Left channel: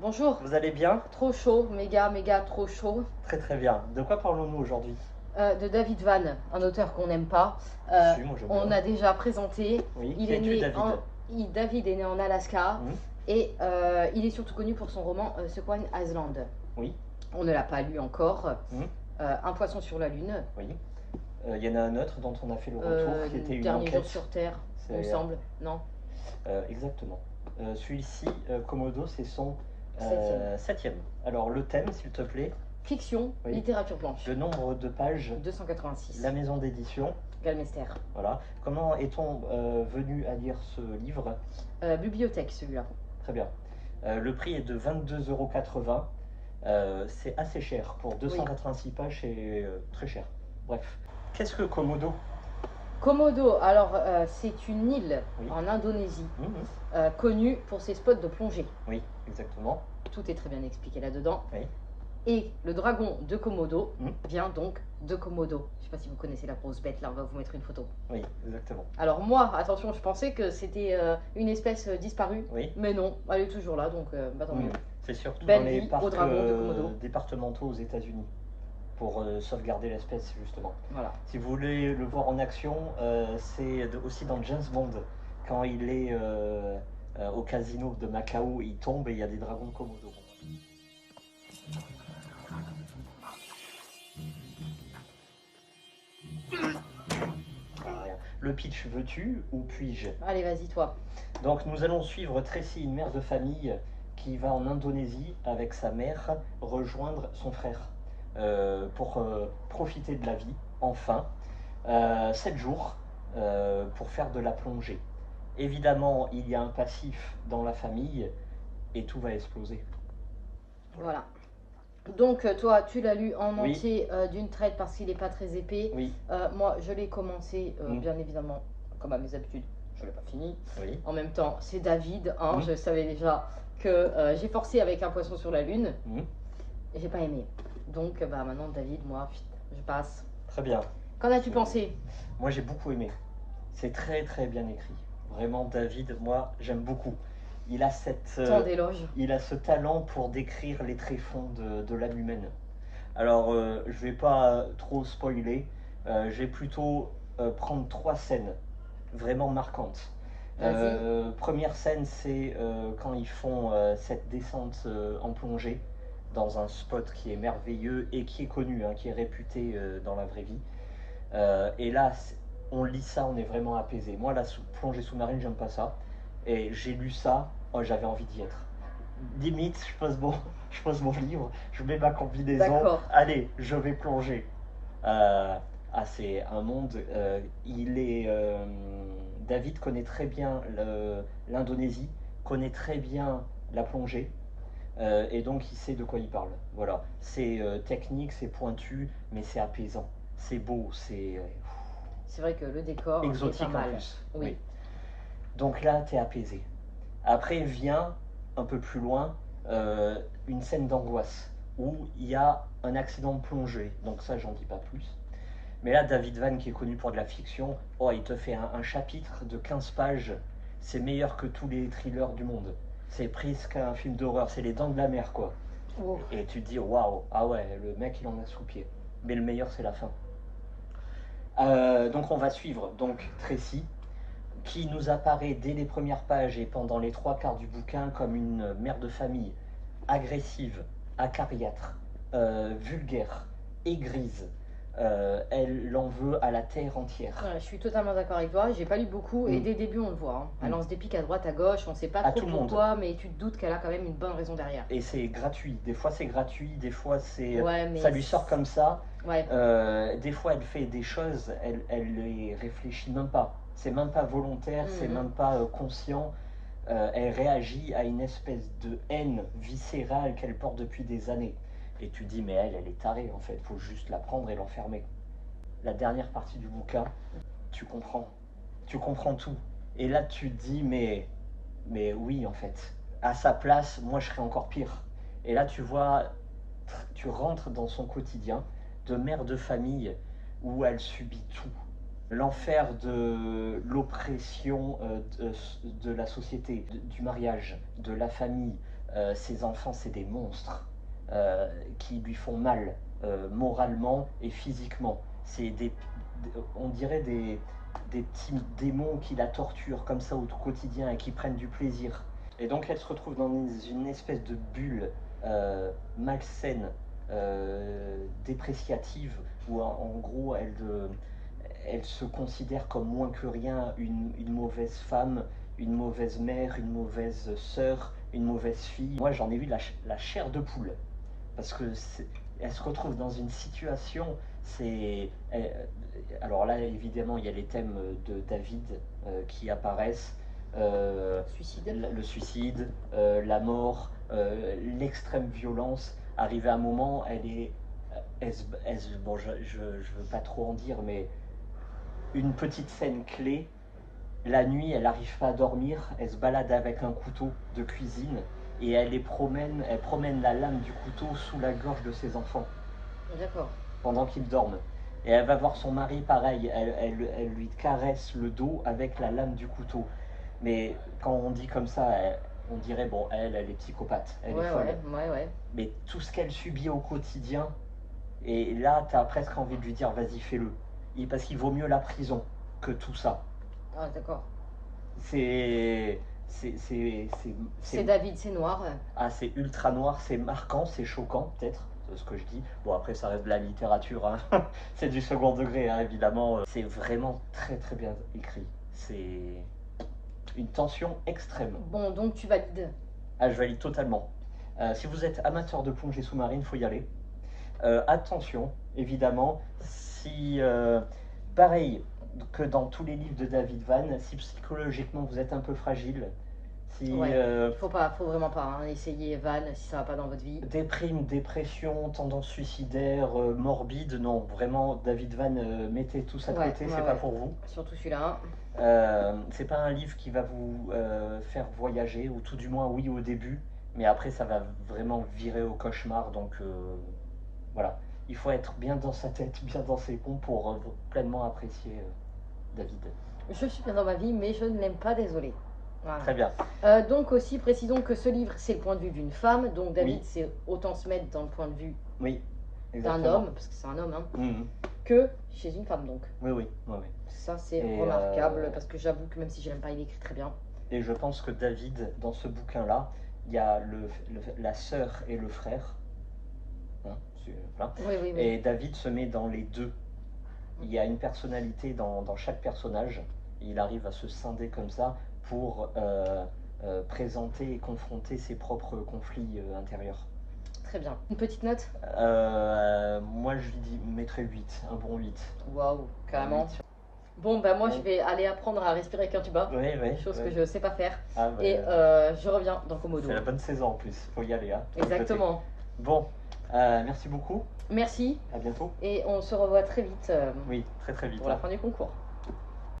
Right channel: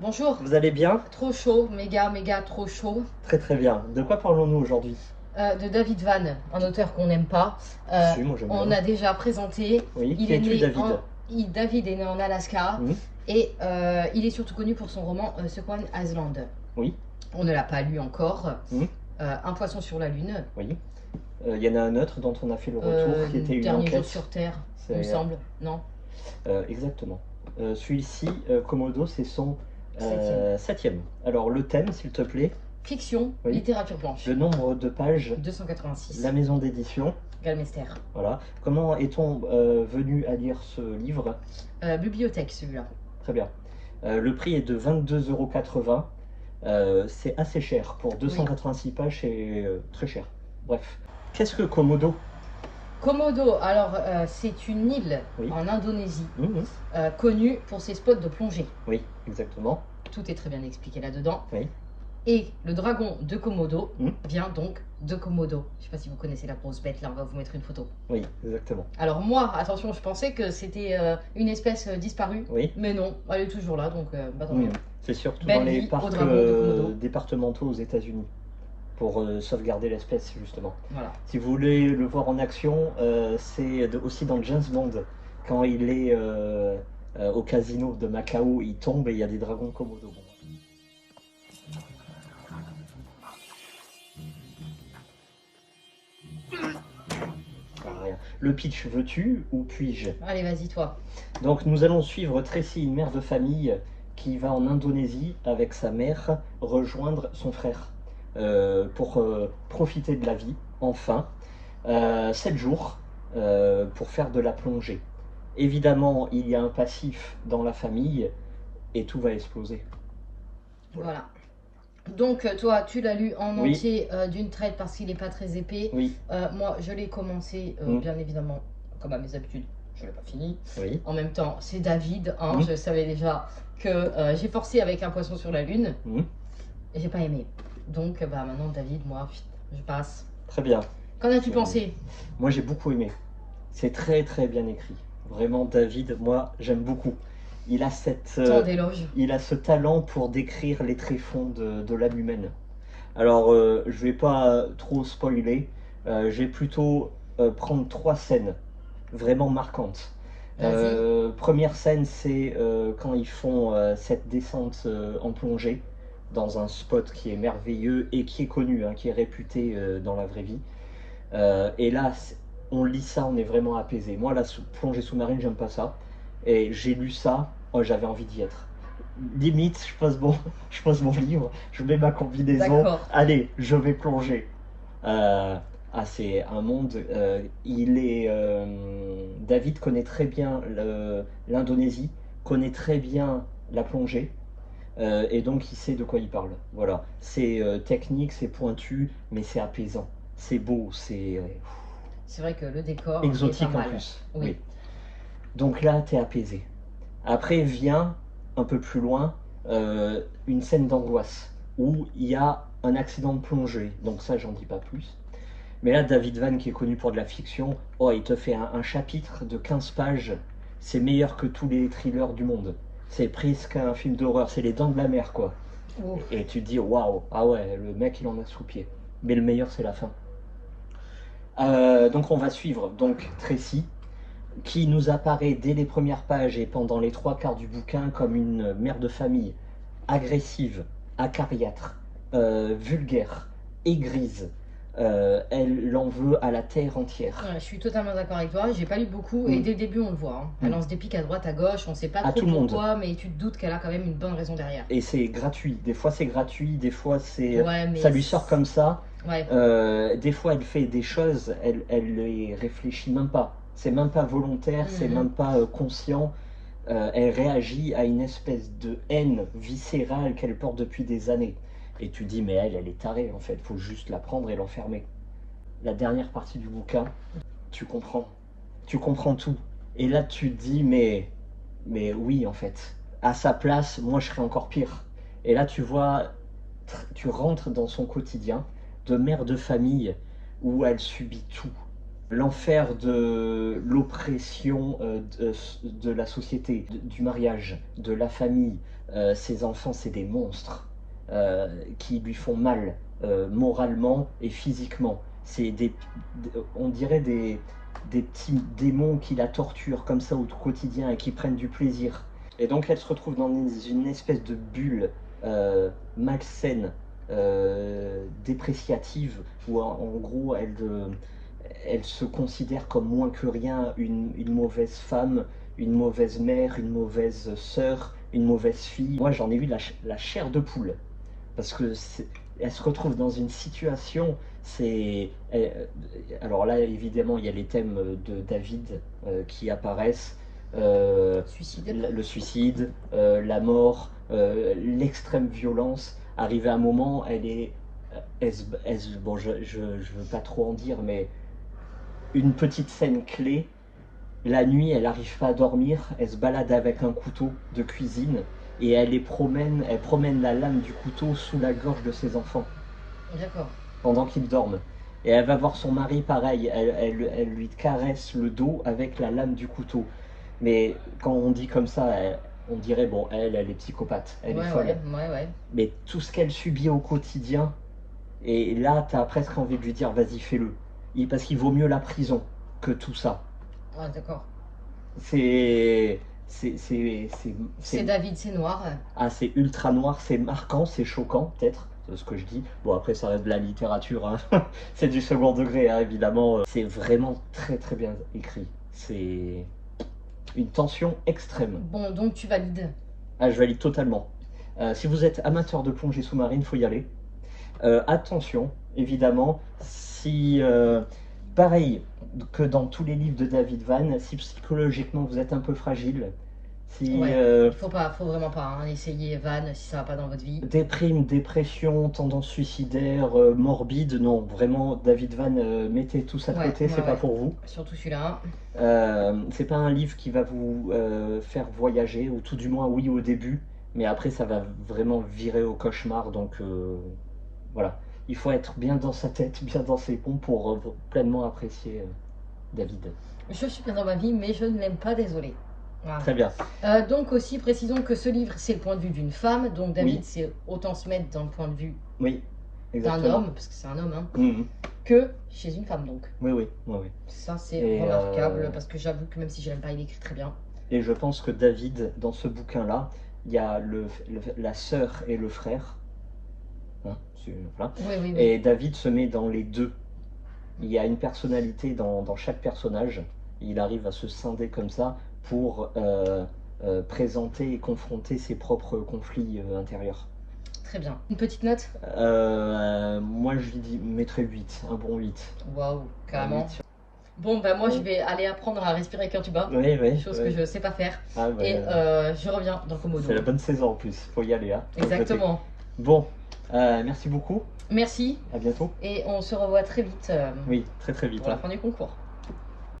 Bonjour, Vous allez bien? trop chaud, méga, méga trop chaud. Très très bien. De quoi parlons-nous aujourd'hui? De David Van, un auteur qu'on n'aime pas. Si, moi j'aime On bien. a déjà présenté. Oui, Il qui est es-tu né en. David? David est né en Alaska Hmm. et il est surtout connu pour son roman Sequoia Island. Oui. On ne l'a pas lu encore. Hmm. Un poisson sur la lune. Oui. Il y en a un autre dont on a fait le retour, qui était une Dernier jour enquête. sur Terre, il me C'est semble. Non. exactement. Celui-ci, Komodo, c'est son Septième. septième. Alors le thème, s'il te plaît. Fiction, Oui. littérature blanche. Le nombre de pages. 286. La maison d'édition. Galmester. Voilà. Comment est-on venu à lire ce livre? Bibliothèque celui-là. Très bien. Le prix est de 22,80 €. C'est assez cher. Pour 286 pages, c'est très cher. Bref. Qu'est-ce que Komodo? Komodo, alors c'est une île Oui. en Indonésie Mhm. connue pour ses spots de plongée. Oui, exactement. Tout est très bien expliqué là-dedans. Oui. Et le dragon de Komodo Mhm. vient donc de Komodo. Je ne sais pas si vous connaissez la grosse bête, là on va vous mettre une photo. Oui, exactement. Alors moi, attention, je pensais que c'était une espèce disparue, Oui. mais non, elle est toujours là, donc tant mieux. C'est surtout Belle dans les vie au parcs dragon de Komodo. départementaux aux États-Unis pour sauvegarder l'espèce, justement. Voilà. Si vous voulez le voir en action, c'est aussi dans James Bond. Quand il est au casino de Macao, il tombe et il y a des dragons Komodo. Le pitch, veux-tu ou puis-je? Allez, vas-y, toi. Donc nous allons suivre Tracy, une mère de famille qui va en Indonésie avec sa mère rejoindre son frère pour profiter de la vie, enfin. 7 jours pour faire de la plongée. Évidemment, il y a un passif dans la famille et tout va exploser. Voilà. Donc toi, tu l'as lu en Oui. entier d'une traite parce qu'il n'est pas très épais. Oui. Moi, je l'ai commencé, bien évidemment, comme à mes habitudes. Je ne l'ai pas fini. Oui. En même temps, c'est David. Hein, je savais déjà que j'ai forcé avec un poisson sur la lune. Et j'ai pas aimé. Donc bah, maintenant, David, moi, je passe. Très bien. Qu'en as-tu pensé? Moi, j'ai beaucoup aimé. C'est très très bien écrit. Vraiment, David, moi, j'aime beaucoup. Il a Tant d'éloges. il a ce talent pour décrire les tréfonds de l'âme humaine. Alors, je vais pas trop spoiler. Je vais plutôt prendre 3 scènes vraiment marquantes. Première scène, c'est quand ils font cette descente en plongée dans un spot qui est merveilleux et qui est connu, hein, qui est réputé dans la vraie vie. Et là, on lit ça, on est vraiment apaisé. Moi, la plongée sous-marine, j'aime pas ça. Et j'ai lu ça, oh, j'avais envie d'y être. Limite, je pose mon livre, je mets ma combinaison. Allez, je vais plonger. C'est un monde. David connaît très bien l'Indonésie, connaît très bien la plongée. Et donc il sait de quoi il parle. Voilà, c'est technique, c'est pointu, mais c'est apaisant. C'est beau, c'est C'est vrai que le décor exotique est pas en mal. plus. Oui. Donc là, t'es apaisé. Après vient, un peu plus loin, une scène d'angoisse où il y a un accident de plongée. Donc ça, j'en dis pas plus. Mais là, David Van, qui est connu pour de la fiction, oh, il te fait un chapitre de 15 pages. C'est meilleur que tous les thrillers du monde. C'est presque un film d'horreur, c'est les dents de la mer, quoi. Ouf. Et tu te dis, waouh, ah ouais, le mec, il en a sous le pied. Mais le meilleur, c'est la fin. Donc on va suivre donc Tracy, qui nous apparaît dès les premières pages et pendant les 3 quarts du bouquin comme une mère de famille agressive, acariâtre, vulgaire, aigrise. Elle en veut à la terre entière. Ouais, je suis totalement d'accord avec toi. J'ai pas lu beaucoup et dès le début on le voit. Hein. Elle lance des pics à droite, à gauche. On sait pas trop pourquoi, mais tu te doutes qu'elle a quand même une bonne raison derrière. Et c'est gratuit. Des fois c'est gratuit, des fois c'est ouais, ça lui sort comme ça. Ouais. Des fois elle fait des choses, elle les réfléchit même pas. C'est même pas volontaire, c'est même pas conscient. Elle réagit à une espèce de haine viscérale qu'elle porte depuis des années. Et tu dis, mais elle est tarée en fait, faut juste la prendre et l'enfermer. La dernière partie du bouquin, tu comprends tout. Et là tu te dis, mais oui en fait, à sa place, moi je serais encore pire. Et là tu vois, tu rentres dans son quotidien de mère de famille où elle subit tout. L'enfer de l'oppression de la société, du mariage, de la famille. Ces enfants, c'est des monstres qui lui font mal moralement et physiquement. C'est on dirait des petits démons qui la torturent comme ça au quotidien et qui prennent du plaisir. Et donc elle se retrouve dans une espèce de bulle malsaine, dépréciative, où en gros elle se considère comme moins que rien, une mauvaise femme, une mauvaise mère, une mauvaise sœur, une mauvaise fille. Moi j'en ai eu la chair de poule, parce que elle se retrouve dans une situation, alors là évidemment il y a les thèmes de David qui apparaissent, le suicide, la mort, l'extrême violence. Arrivé à un moment, bon, je veux pas trop en dire, mais une petite scène clé. La nuit, elle n'arrive pas à dormir, elle se balade avec un couteau de cuisine et elle promène la lame du couteau sous la gorge de ses enfants. D'accord. Pendant qu'ils dorment. Et elle va voir son mari pareil, elle lui caresse le dos avec la lame du couteau. Mais quand on dit comme ça, on dirait, bon, elle est psychopathe, elle est folle. Ouais. Mais tout ce qu'elle subit au quotidien, et là, t'as presque envie de lui dire, vas-y, fais-le. Parce qu'il vaut mieux la prison que tout ça. Ah, d'accord. C'est David, c'est noir. Ah, c'est ultra noir, c'est marquant, c'est choquant, peut-être, ce que je dis. Bon, après, ça reste de la littérature, hein. C'est du second degré, hein, évidemment. C'est vraiment très très bien écrit. C'est une tension extrême. Bon, donc tu valides? Ah, je valide totalement. Si vous êtes amateur de plongée sous-marine, il faut y aller. Attention, évidemment, si... pareil que dans tous les livres de David Vann, si psychologiquement vous êtes un peu fragile, faut vraiment pas essayer Vann si ça va pas dans votre vie. Déprime, dépression, tendance suicidaire, morbide, non, vraiment, David Vann, mettez tout ça de côté, c'est pas pour vous. Surtout celui-là. C'est pas un livre qui va vous faire voyager, ou tout du moins oui au début, mais après ça va vraiment virer au cauchemar, donc voilà. Il faut être bien dans sa tête, bien dans ses pompes pour pleinement apprécier David. Je suis bien dans ma vie, mais je ne l'aime pas, désolé. Voilà. Très bien. Donc aussi, précisons que ce livre, c'est le point de vue d'une femme. Donc David, c'est autant se mettre dans le point de vue d'un homme, parce que c'est un homme, hein, que chez une femme, donc. Oui. Ça, c'est remarquable, parce que j'avoue que même si je l'aime pas, il écrit très bien. Et je pense que David, dans ce bouquin-là, il y a la sœur et le frère. Hein, voilà. Oui. Et David se met dans les deux. Il y a une personnalité dans chaque personnage. Il arrive à se scinder comme ça pour présenter et confronter ses propres conflits intérieurs. Très bien. Une petite note? Moi, je lui mettrais 8, un bon 8. Waouh, carrément. 8. Bon, bah moi, je vais aller apprendre à respirer avec un tuba. Chose que je sais pas faire. Et je reviens dans Komodo. C'est la bonne saison en plus, faut y aller. Hein. Exactement. Bon, merci beaucoup. Merci. À bientôt. Et on se revoit très vite. Oui, très vite. Pour la fin du concours.